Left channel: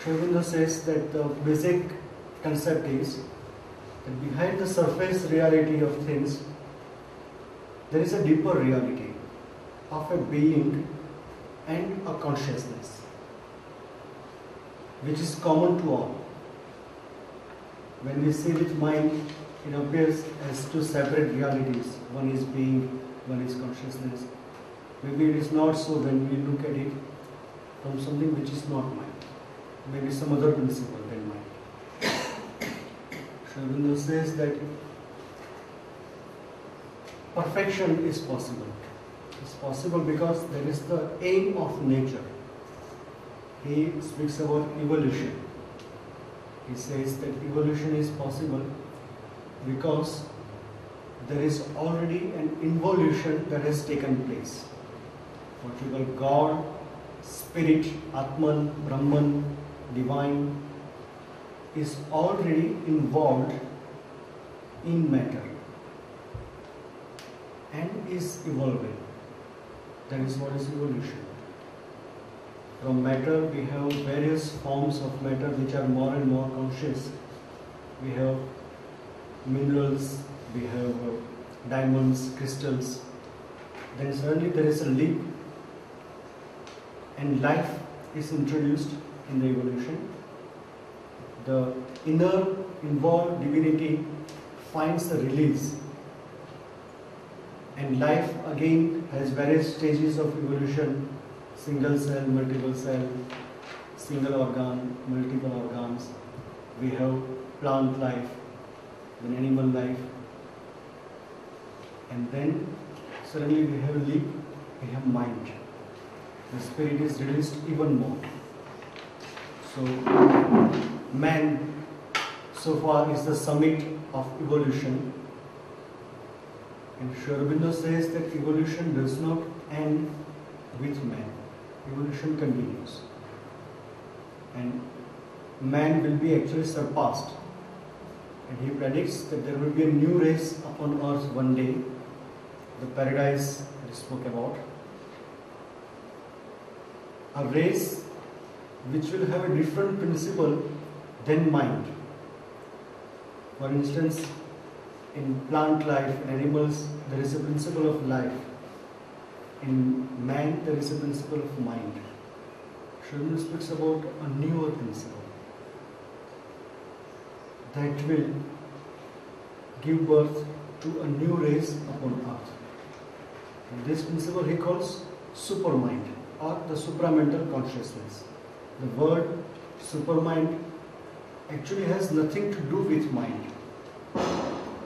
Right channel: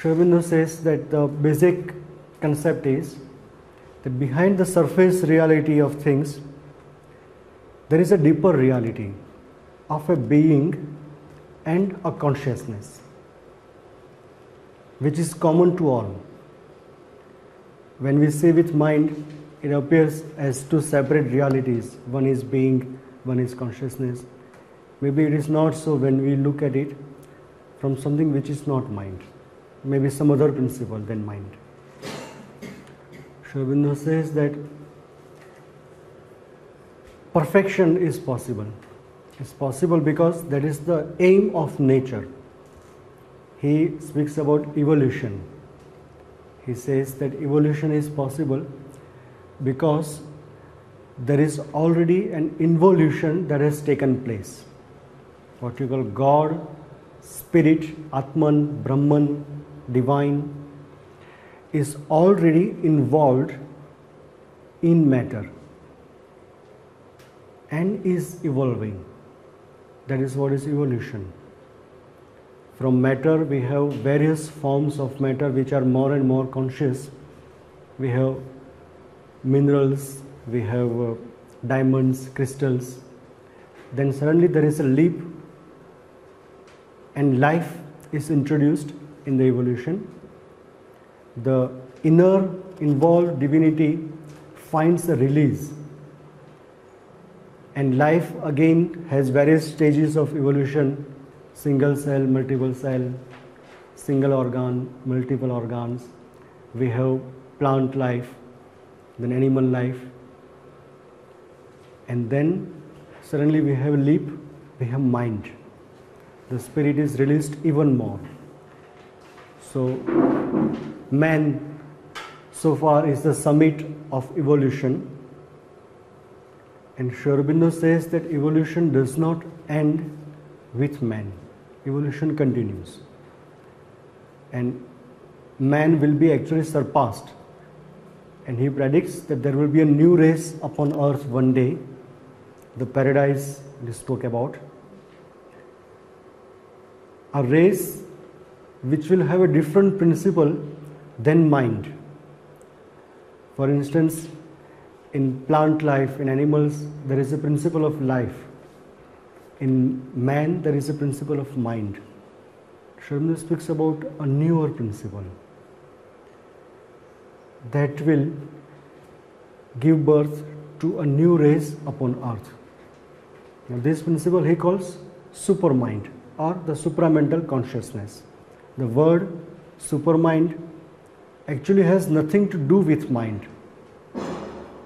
Sri Aurobindo says that the basic concept is that behind the surface reality of things, there is a deeper reality of a being and a consciousness, which is common to all. When we say with mind, it appears as two separate realities. One is being, one is consciousness. Maybe it is not so when we look at it from something which is not mind. Maybe some other principle than mind. Sri Aurobindo says that perfection is possible. It's possible because that is the aim of nature. He speaks about evolution. He says that evolution is possible because there is already an involution that has taken place. What you call God, Spirit, Atman, Brahman, Divine is already involved in matter and is evolving. That is what is evolution. From matter we have various forms of matter which are more and more conscious. We have minerals, we have diamonds, crystals. Then suddenly there is a leap and life is introduced in the evolution. The inner involved divinity finds a release, and life again has various stages of evolution: single cell, multiple cell, single organ, multiple organs. We have plant life, then animal life, and then suddenly we have leap, we have mind. The spirit is released even more. So man so far is the summit of evolution, and Sri Aurobindo says that evolution does not end with man. Evolution continues, and man will be actually surpassed, and he predicts that there will be a new race upon earth one day, the paradise we spoke about, a race which will have a different principle than mind. For instance, in plant life, in animals, there is a principle of life. In man, there is a principle of mind. Sri Aurobindo speaks about a newer principle that will give birth to a new race upon earth. Now, this principle he calls supermind or the supramental consciousness. The word supermind actually has nothing to do with mind.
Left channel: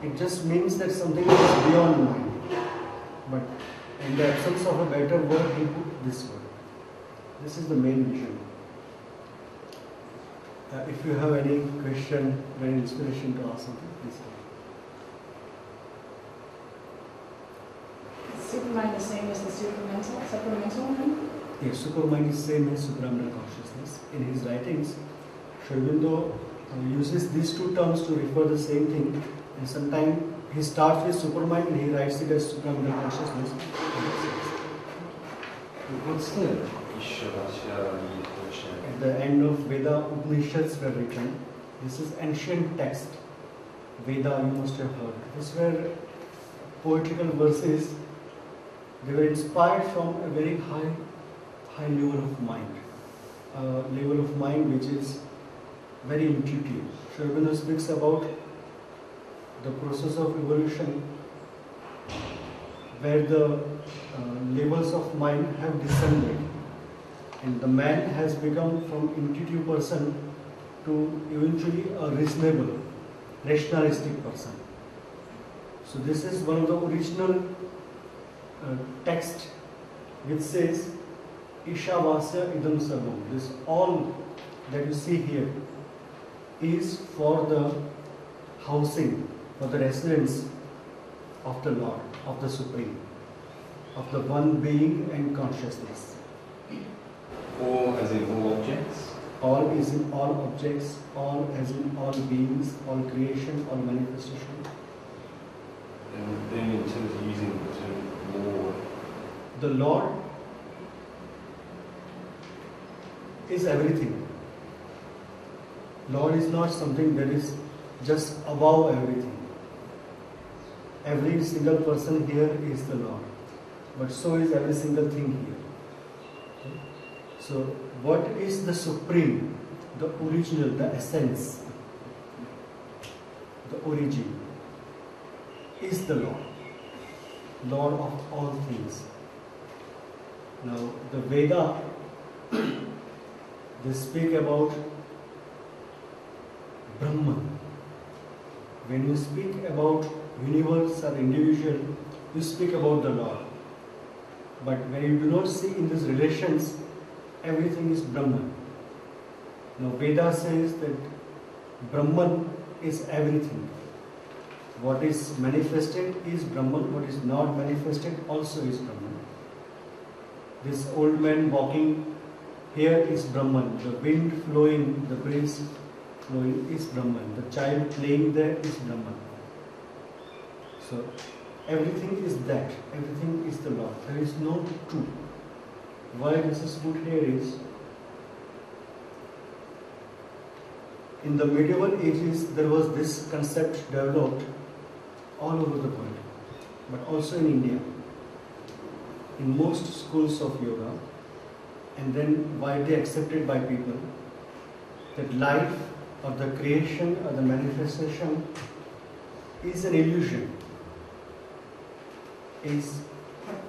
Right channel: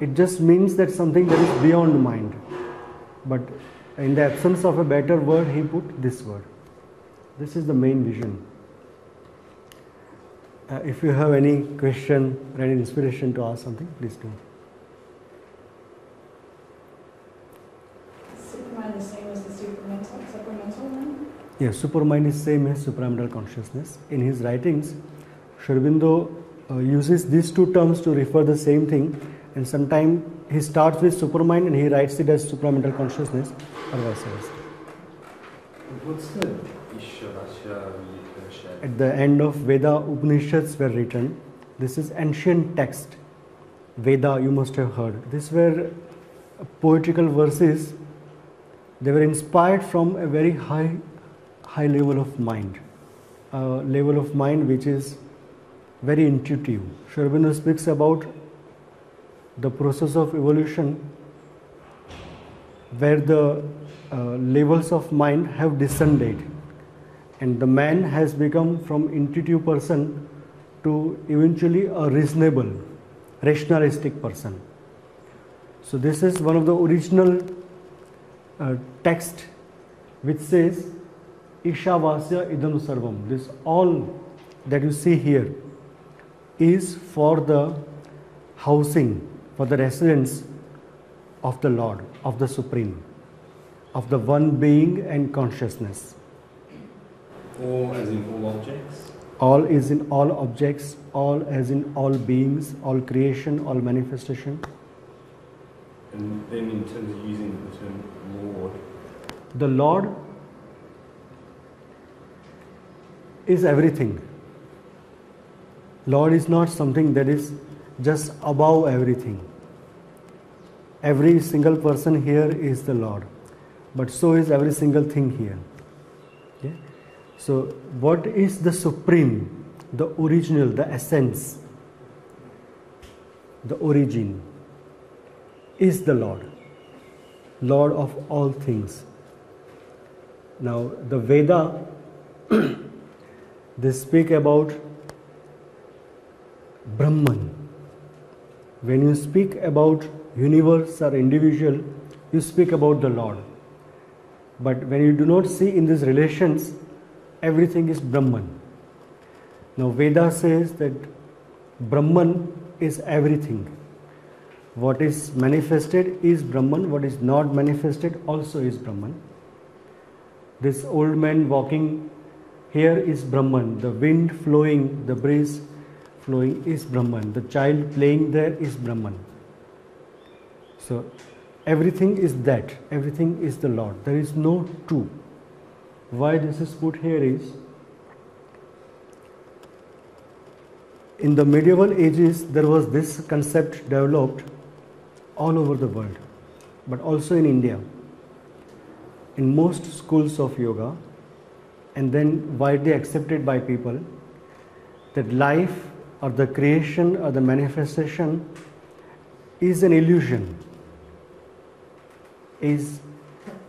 It just means that something that is beyond mind. But in the absence of a better word, he put this word. This is the main vision. If you have any question, any inspiration to ask something, please come. Supermind is the same as the supramental then? Yes, supermind is same as supramental consciousness. In his writings, Sri Aurobindo uses these two terms to refer the same thing, and sometimes he starts with supermind and he writes it as supramental consciousness, and vice versa. What's the At the end of Veda, Upanishads were written. This is ancient text. Veda, you must have heard. These were poetical verses. They were inspired from a very high level of mind, a level of mind which is very intuitive. Sri Aurobindo speaks about the process of evolution where the levels of mind have descended, and the man has become from intuitive person to eventually a reasonable, rationalistic person. So this is one of the original text which says Ishavasya idam sarvam. This all that you see here is for the housing, for the residence of the Lord, of the Supreme, of the one being and consciousness. All as in all objects? All is in all objects, all as in all beings, all creation, all manifestation. And then in terms of using the term Lord? The Lord is everything. Lord is not something that is just above everything. Every single person here is the Lord, but so is every single thing here. Okay? So what is the supreme, the original, the essence, the origin is the Lord, Lord of all things. Now the Veda, they speak about Brahman. When you speak about universe or individual, you speak about the Lord. But when you do not see in these relations, everything is Brahman. Now Veda says that Brahman is everything. What is manifested is Brahman, what is not manifested also is Brahman. This old man walking here is Brahman. The wind flowing, the breeze flowing is Brahman. The child playing there is Brahman. So everything is that. Everything is the Lord. There is no two. Why this is put here is, in the medieval ages there was this concept developed all over the world, but also in India, in most schools of yoga, and then widely accepted by people, that life or the creation or the manifestation is an illusion, is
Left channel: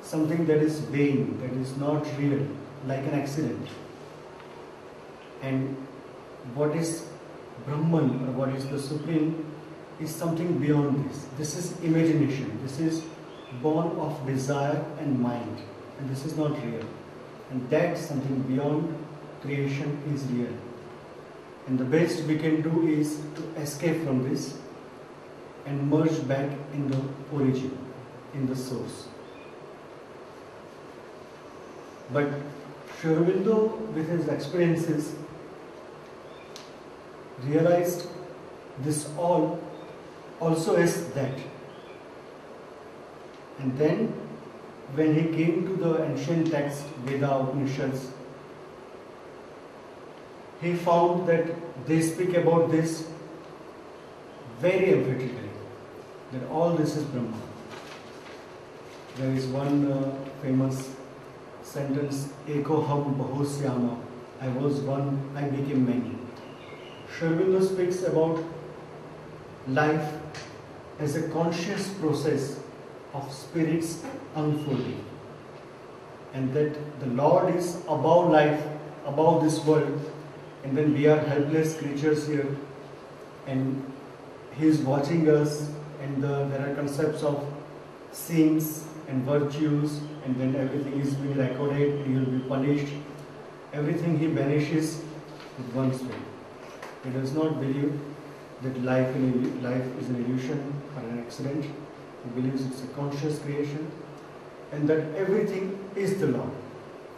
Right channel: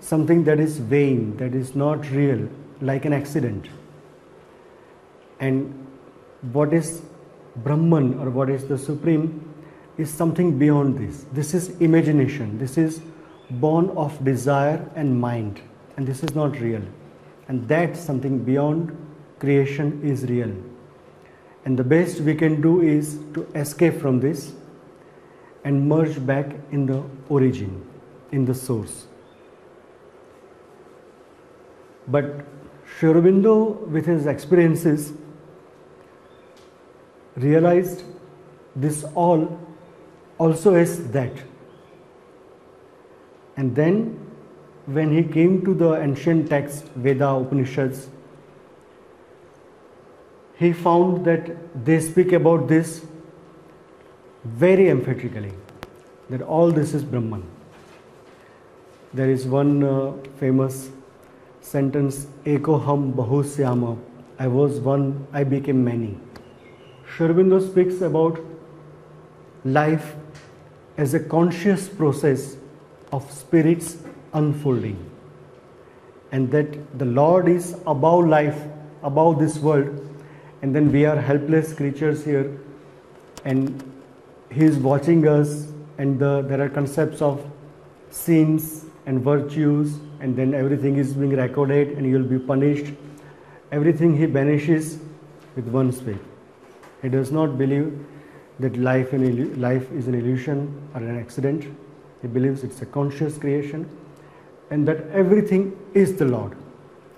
something that is vain, that is not real, like an accident. And what is Brahman or what is the Supreme is something beyond this. This is imagination. This is born of desire and mind, and this is not real. And that something beyond creation is real. And the best we can do is to escape from this and merge back in the origin, in the source. But Sri Aurobindo, with his experiences, realized this all also is that. And then when he came to the ancient text, Veda, Upanishads, he found that they speak about this very emphatically, that all this is Brahman. There is one famous sentence, Eko ham bahusyama, I was one, I became many. Sri Aurobindo speaks about life as a conscious process of spirits unfolding, and that the Lord is above life, above this world, and then we are helpless creatures here, and He is watching us, and there are concepts of sins and virtues, and then everything is being recorded and you will be punished. Everything He banishes with one sweep. He does not believe that life is an illusion or an accident. He believes it's a conscious creation, and that everything is the Lord.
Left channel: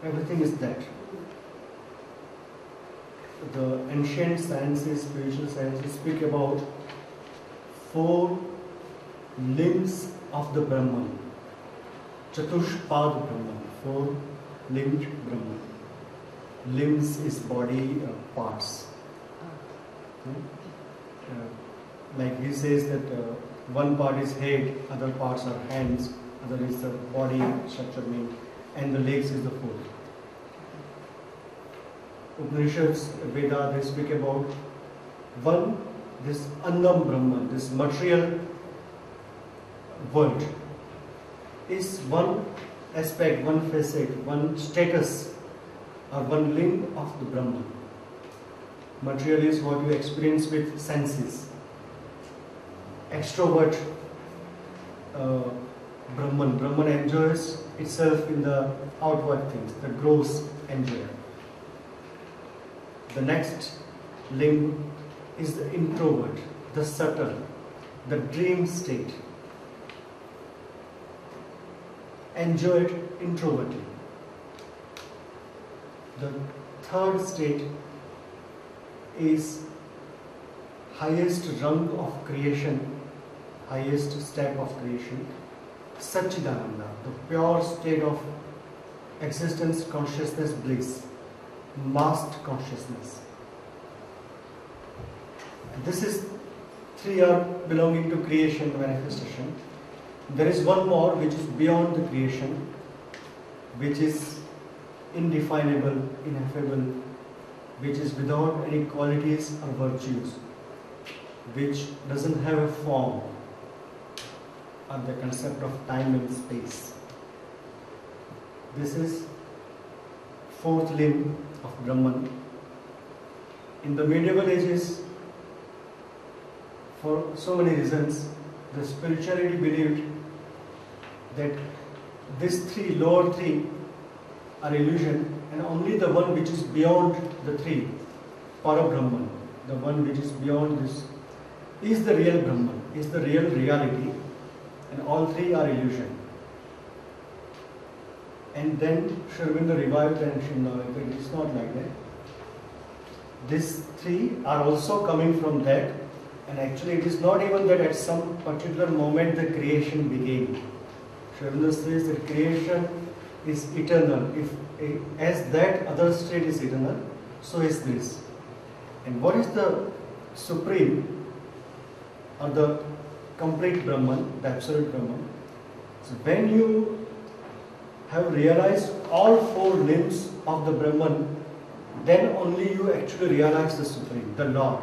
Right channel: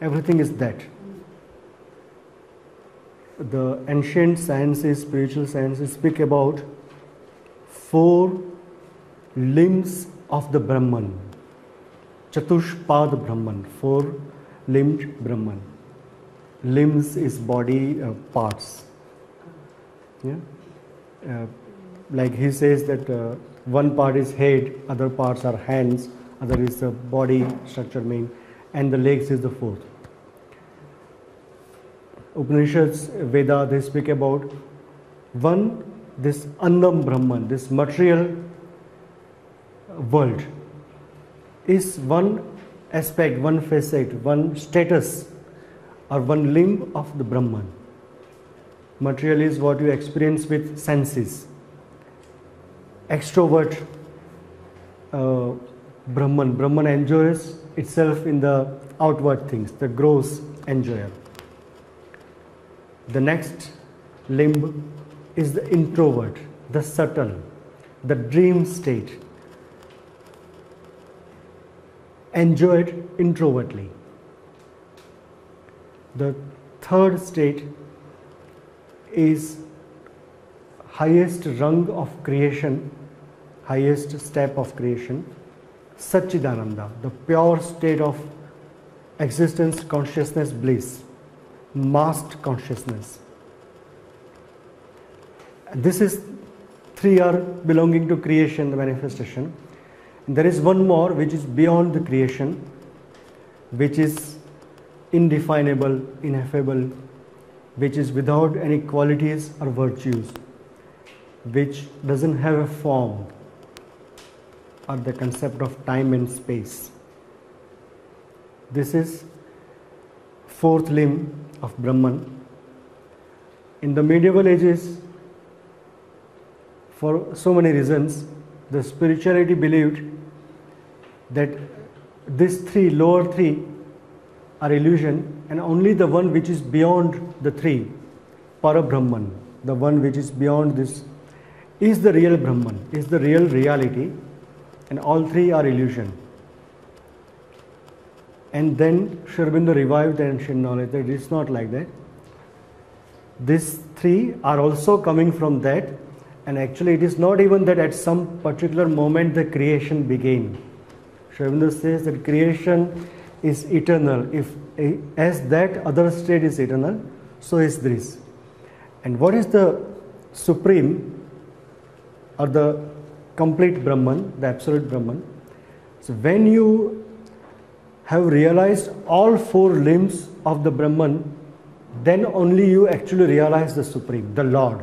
Everything is that. The ancient sciences, spiritual sciences speak about 4 limbs of the Brahman. Chatushpad Brahman, 4-limbed Brahman. Limbs is body parts. Yeah? Like he says that one part is head, other parts are hands, other is the body structure main, and the legs is the 4th. Upanishads, Veda, they speak about one, this Annam Brahman, this material world is one aspect, one facet, one status or one limb of the Brahman. Material is what you experience with senses. Extrovert Brahman. Brahman enjoys itself in the outward things, the gross enjoyer. The next limb is the introvert, the subtle, the dream state. Enjoyed introvertly. The third state is highest rung of creation, highest step of creation, Satchidananda, the pure state of existence, consciousness, bliss, masked consciousness. This is three are belonging to creation, the manifestation. There is one more which is beyond the creation, which is indefinable, ineffable, which is without any qualities or virtues, which doesn't have a form or the concept of time and space. This is fourth limb of Brahman. In the medieval ages, for so many reasons, the spirituality believed that these three, lower three, are illusion, and only the one which is beyond the three, Para-Brahman, the one which is beyond this, is the real Brahman, is the real reality, and all three are illusion. And then Sri Aurobindo revived the ancient knowledge that it's not like that. These three are also coming from that, and actually it is not even that at some particular moment the creation began. Sri Aurobindo says that creation is eternal. As that other state is eternal, so is this. And what is the supreme or the complete Brahman, the absolute Brahman? So when you have realized all four limbs of the Brahman, then only you actually realize the Supreme, the Lord.